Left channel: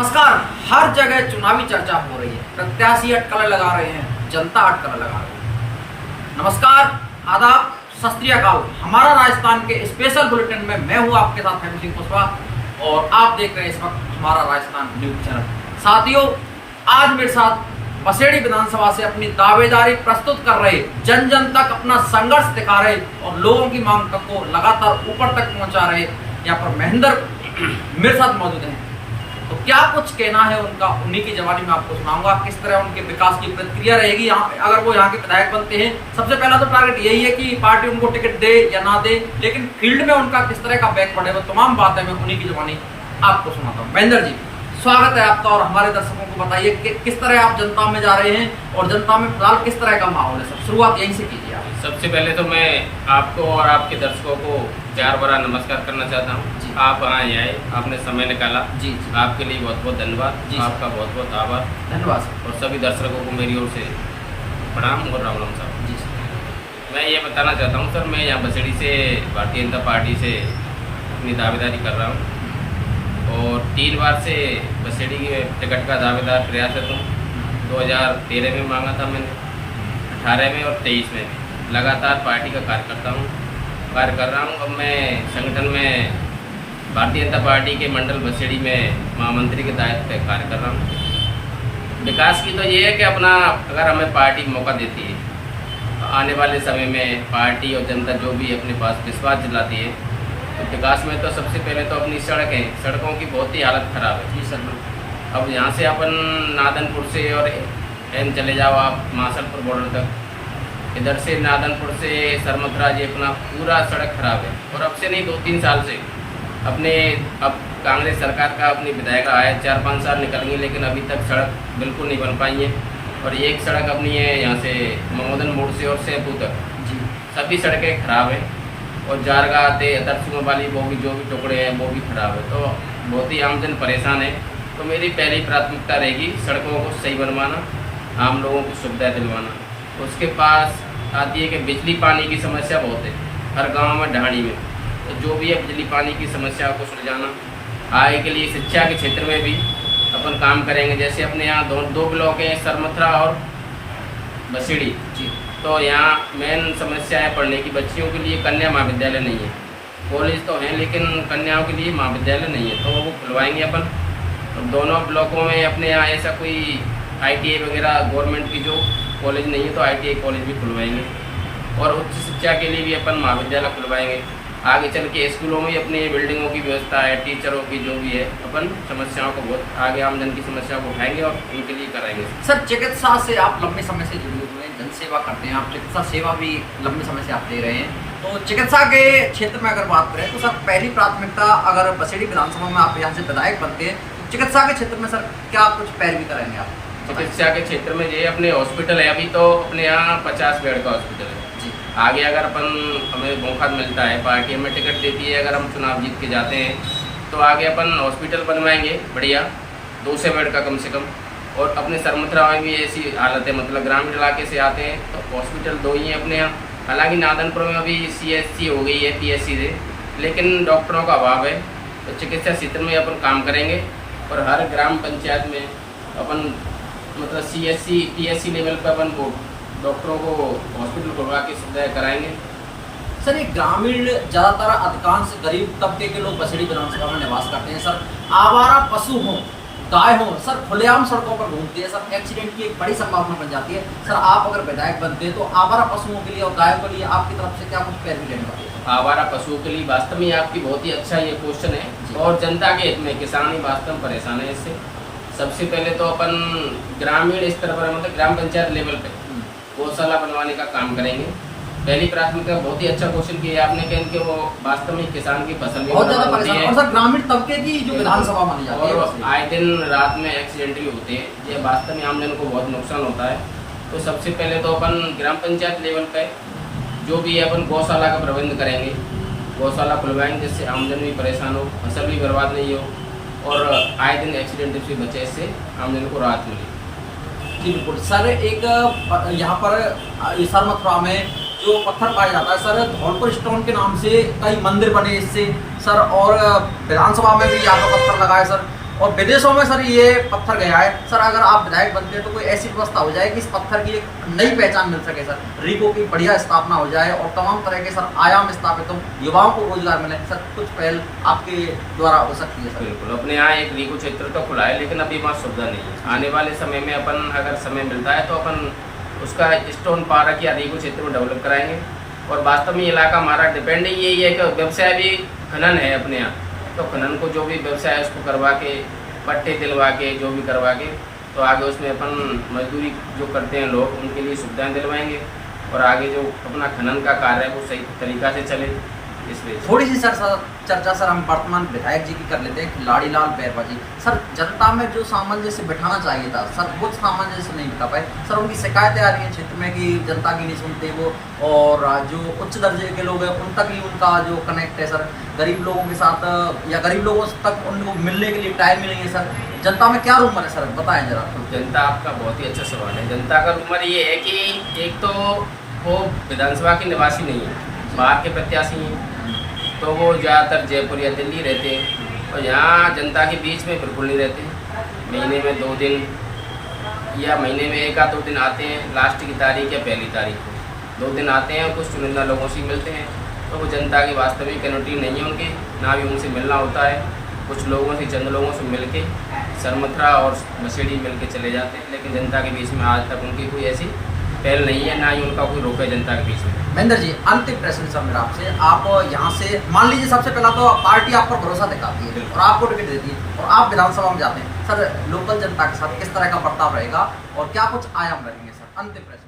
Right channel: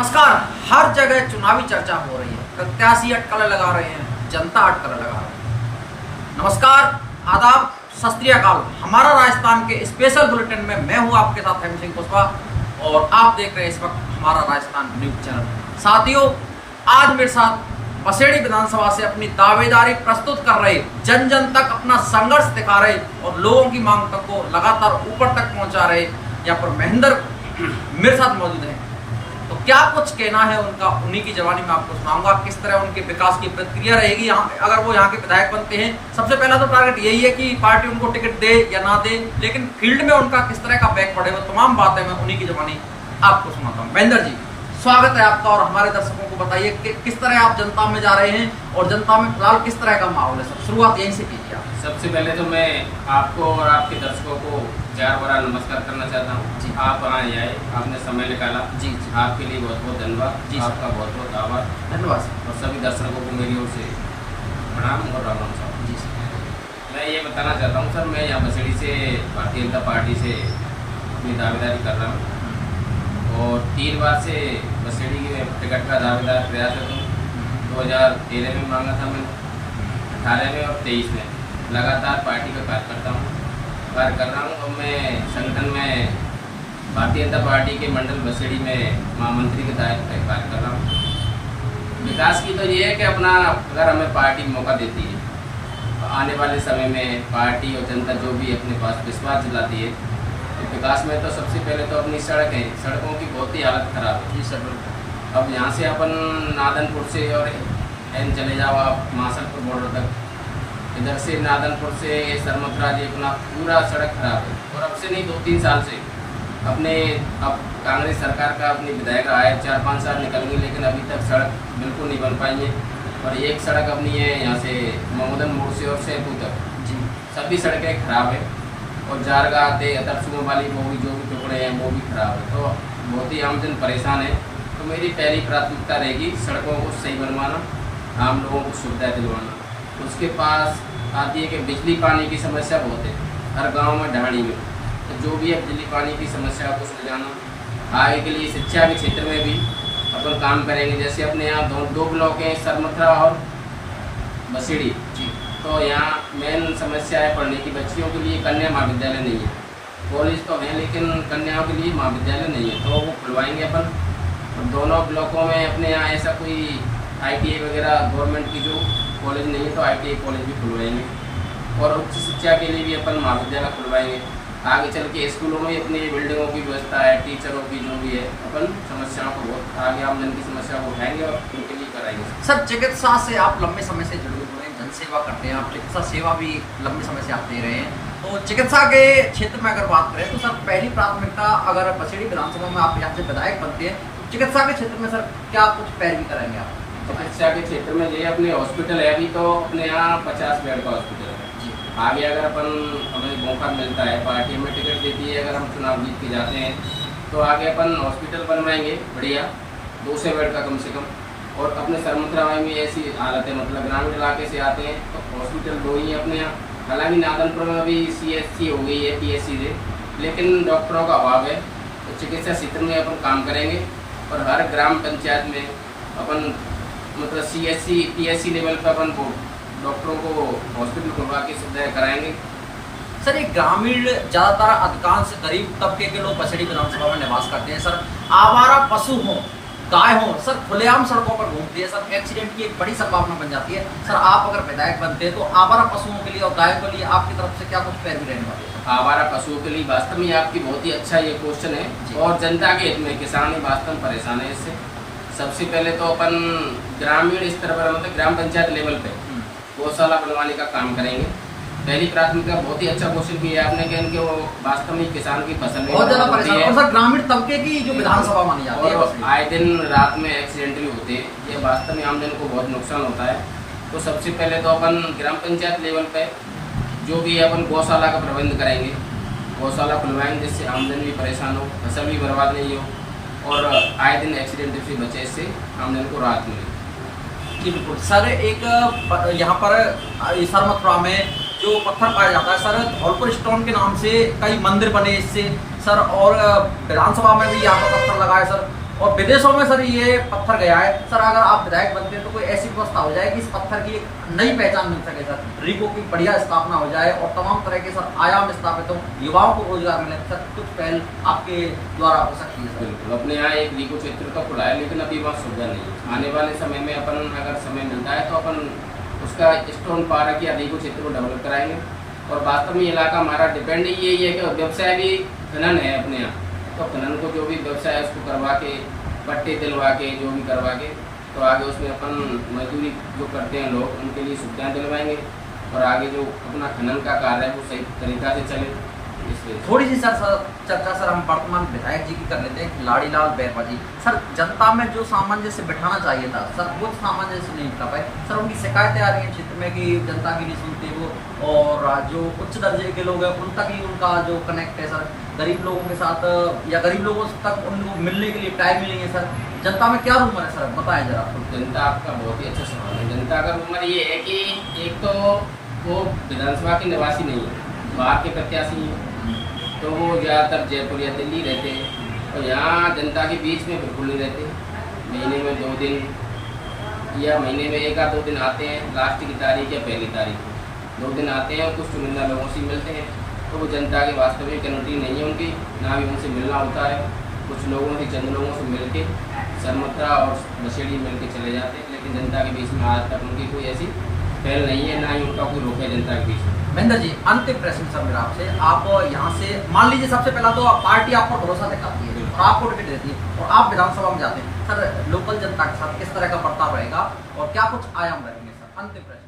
नमस्कार। हर जगह चुनावी चर्चा हो रही है, प्रत्याशी अटकलें लगा रहे हैं, जनता अटकलें लगा रही है। नमस्कार, आदाब, सत श्री अकाल। हमारा राजस्थान के स्पेशल बुलेटिन में मैं हूं आपके साथ हेम सिंह कुशवाहा और आप देख रहे हैं इस वक्त हमारा राजस्थान न्यूज चैनल। साथियों, आज मेरे साथ बसेड़ी विधानसभा से अपनी दावेदारी प्रस्तुत कर रहे, जन जन तक अपना संघर्ष दिखा रहे और लोगों की मांग तक को लगातार ऊपर तक पहुंचा रहे यहाँ पर महेंद्र मेरे साथ मौजूद हैं। तो क्या कुछ कहना है उनका, उन्हीं की जवानी में आपको सुनाऊंगा। किस तरह उनके विकास की प्रक्रिया रहेगी यहाँ अगर वो यहाँ के विधायक बनते हैं। सबसे पहला तो टारगेट यही है कि पार्टी उनको टिकट दे या ना दे, लेकिन फील्ड में उनका किस तरह का बैक बढ़ेगा, तमाम बातें मैं उन्हीं की जवानी आपको सुनाता हूँ। महेंद्र जी, स्वागत है आपका और हमारे दर्शकों को बताइए कि किस तरह आप जनता में जा रहे हैं और जनता में फिलहाल किस तरह का माहौल है। सब शुरुआत यहीं से कीजिए आप। सबसे पहले तो मैं आपको और आपके दर्शकों को प्यार भरा नमस्कार करना चाहता हूँ। आप यहाँ आए, आपने समय निकाला, जी आपके लिए बहुत बहुत धन्यवाद। जी आपका बहुत बहुत आभार। धन्यवाद सर। और सभी दर्शकों को मेरी ओर से प्रणाम और राम राम साहब। जी सर। मैं ये बताना चाहता हूँ सर, मैं यहाँ बसेड़ी से भारतीय जनता पार्टी से अपनी दावेदारी कर रहा हूँ और 3 बार से बसेड़ी के टिकट का दावेदार प्रयासरत हूँ। 2013 में मांगा था मैंने, 18 में और 23 में लगातार पार्टी का कार्य कर रहा हूँ। अब मैं संगठन में भारतीय जनता पार्टी के मंडल बसेड़ी में महामंत्री के दायित्व पे कार्य कर रहा हूँ। विकास की तो ये है कि अपना अगर हमें पार्टी मौका देती है तो आने वाले समय में पार्टी और जनता जो भी अपने पास विश्वास दिलाती है, तो विकास में तो सबसे पहले तो अपनी सड़कों की बहुत ही हालत ख़राब है। जी सर। अब यहाँ से अपन नादनपुर से और एन चले जाओ आप मासलपुर बॉर्डर तक, इधर से नादनपुर से सरमथरा जी अपना पूरा सड़क खराब है। और अब से नहीं 2-3 साल से अब कांग्रेस सरकार का अपनी विधायक आए 4-5 साल निकल गई, लेकिन अभी तक सड़क बिल्कुल नहीं बन पाई है। और एक सड़क अपनी है यहाँ से ममोदन मोड़ से और सेपू तक, जी सभी सड़कें खराब है। और जारगा आते दरसुओं वाली वो भी जो भी टुकड़े हैं वो भी खराब है, तो बहुत ही आमजन परेशान है। तो मेरी पहली प्राथमिकता रहेगी सड़कों को सही बनवाना, आम लोगों को सुविधा दिलवाना। उसके पास आती है कि बिजली पानी की समस्या बहुत है हर गांव में, ढाणी में। तो जो भी है बिजली पानी की समस्या को सुलझाना। आगे के लिए शिक्षा के क्षेत्र में भी अपन काम करेंगे। जैसे अपने यहाँ दो ब्लॉक हैं, सरमथरा और बसेड़ी जी। तो यहाँ मेन समस्या है पढ़ने की, बच्चियों के लिए कन्या महाविद्यालय नहीं है। कॉलेज तो हैं लेकिन कन्याओं के लिए महाविद्यालय नहीं है, तो वो खुलवाएंगे अपन। और दोनों ब्लॉकों में अपने यहाँ ऐसा कोई ITI वगैरह गवर्नमेंट की जो कॉलेज नहीं है तो ITI कॉलेज भी खुलवाएंगे। और उच्च शिक्षा के लिए भी अपन महाविद्यालय खुलवाएंगे। आगे चल के स्कूलों में अपनी बिल्डिंगों की व्यवस्था है, टीचरों की जो भी है, अपन समस्याओं को बहुत आगे आमजन की समस्याओं को उठाएंगे और उनके लिए कराएंगे। सर, चिकित्सा से आप लंबे समय से जुड़े हुए हैं, जन सेवा करते हैं आप, चिकित्सा सेवा भी लंबे समय से आप दे रहे हैं। तो चिकित्सा के क्षेत्र में अगर बात करें तो सर पहली प्राथमिकता, अगर बसेड़ी विधानसभा में आप यहाँ से विधायक बनते हैं तो चिकित्सा के क्षेत्र में सर क्या कुछ पैरवी करेंगे आप? चिकित्सा के क्षेत्र में ये अपने हॉस्पिटल है, अभी तो अपने यहाँ 50 बेड का हॉस्पिटल है जी। आगे अगर अपन हमें मौका मिलता है, पार्टी हमें टिकट देती है, अगर हम चुनाव जीत के जाते हैं तो आगे अपन हॉस्पिटल बनवाएंगे बढ़िया 200 बेड का कम से कम। और अपने सरमथरा में भी ऐसी हालत है, मतलब ग्रामीण इलाके से आते हैं तो हॉस्पिटल 2 ही है अपने यहाँ। हालांकि नादनपुर में अभी CSC हो गई है PSC से, लेकिन डॉक्टरों का अभाव है। तो चिकित्सा क्षेत्र में अपन काम करेंगे और हर ग्राम पंचायत में अपन मतलब CSC PSC लेवल पर अपन डॉक्टरों को हॉस्पिटल खुलवा के सुविधाएँ कराएंगे। सर, ये ग्रामीण ज़्यादातर अधिकांश गरीब तबके के लोग बसेड़ी विधानसभा में निवास करते हैं। सर, आवारा पशु हों, गाय हो, सर खुलेआम सड़कों पर घूमती है, सर एक्सीडेंट की एक बड़ी संभावना बन जाती है। सर, आप अगर विधायक बनते हैं तो आवारा पशुओं के लिए और गायों के लिए आपकी तरफ से क्या कुछ पैरवी लेने वाली है? आवारा पशुओं के लिए वास्तव में आपकी बहुत ही अच्छा ये क्वेश्चन है और जनता के हित में, किसान ही वास्तव में परेशान है इससे। सबसे पहले तो अपन ग्रामीण स्तर पर मतलब ग्राम पंचायत लेवल पे गौशाला बनवाने का काम करेंगे। पहली प्राथमिकता बहुत ही अच्छा क्वेश्चन किया आपने कि इनके वो वास्तव में किसान की फसल भी बहुत ज्यादा परेशान है। और सर ग्रामीण तबके की जो विधानसभा मानी जाती है और आए दिन रात में एक्सीडेंटली होते हैं, ये वास्तव में आमजन को बहुत नुकसान होता है। तो सबसे पहले तो अपन ग्राम पंचायत लेवल पे जो भी है अपन गौशाला का प्रबंध करेंगे, गौशाला खुलवाएंगे जिससे आमजन भी परेशान हो, फसल भी बर्बाद नहीं हो और आए दिन एक्सीडेंट से बचे, इससे आमजन को राहत मिले। जी बिल्कुल सर। एक यहाँ पर सरमथुरा में जो पत्थर पाया जाता है सर, धौलपुर स्टोन के नाम से कई मंदिर बने इससे सर, और विधानसभा में भी यहाँ पर पत्थर लगाए सर। और विदेशों में सर ये पत्थर गया है। सर अगर आप विधायक बनते हैं तो कोई ऐसी व्यवस्था हो जाए कि इस पत्थर की एक नई पहचान मिल सके सर, रीको की बढ़िया स्थापना हो जाए और तमाम तरह के सर आयाम स्थापित हो, युवाओं को रोजगार मिले। सर कुछ पहल आपके द्वारा हो सकती है सर? बिल्कुल, अपने यहाँ एक रीको क्षेत्र तो खुला है, लेकिन अभी वहाँ सुविधा नहीं है। आने वाले समय में अपन अगर समय मिलता है तो अपन उसका स्टोन पार्क या रीको क्षेत्र में डेवलप कराएंगे। और वास्तव में इलाका हमारा डिपेंड यही है कि व्यवसाय भी खनन है अपने यहाँ, तो खनन को जो भी व्यवसाय है उसको करवा के, पट्टे दिलवा के, जो भी करवा के, तो आगे उसमें अपन मजदूरी जो करते हैं लोग उनके लिए सुविधाएं दिलवाएंगे और आगे जो अपना खनन का कार्य है वो सही तरीका से चले। इसलिए थोड़ी सी सर चर्चा सर हम वर्तमान विधायक जी की कर लेते हैं, खिलाड़ी लाल बैरवा जी। सर जनता में जो सामंजस्य बिठाना चाहिए था सर, वो सामंजस्य नहीं बिठा पाए सर। उनकी शिकायतें आ रही हैं क्षेत्र में कि जनता की नहीं सुनते वो, और जो उच्च दर्जे के लोग हैं उन तक ही उनका जो कनेक्ट है सर, गरीब लोगों के साथ या गरीब लोगों तक उनको मिलने के लिए टाइम ही नहीं है सर। जनता में क्या रूमर है सर, बताएं जरा। जनता, आपका बहुत ही अच्छा सवाल है। जनता का रूमर ये है कि एक तो वो विधानसभा के निवासी नहीं है, बाहर के प्रत्याशी हैं, तो वो ज़्यादातर जयपुर या दिल्ली रहते हैं और यहाँ जनता के बीच में बिल्कुल नहीं रहते। महीने में 2 दिन या महीने में 1 या 2 दिन आते हैं, लास्ट की तारीख या पहली तारीख को 2 दिन आते हैं और कुछ चुनिंदा लोगों से मिलते हैं। तो वो जनता की वास्तविक कनेक्टिविटी नहीं है उनकी, ना भी उनसे मिलना होता है। कुछ लोगों से, चंद लोगों से मिल के सरमथरा और मसेड़ी मिल के चले जाते हैं, लेकिन जनता के बीच में आज तक उनकी कोई ऐसी पहल नहीं है, ना ही उनका कोई रोक है जनता के बीच में। महेंद्र जी, अंतिम प्रश्न सर मेरा आपसे। आप यहाँ से मान लीजिए सबसे पहला तो पार्टी आप पर भरोसा दिखाती है और आपको टिकट देती है और आप विधानसभा में जाते हैं सर, लोकल जनता के साथ किस तरह का बर्ताव रहेगा और क्या कुछ आयाम रहेंगे सर? अंतिम प्रश्न।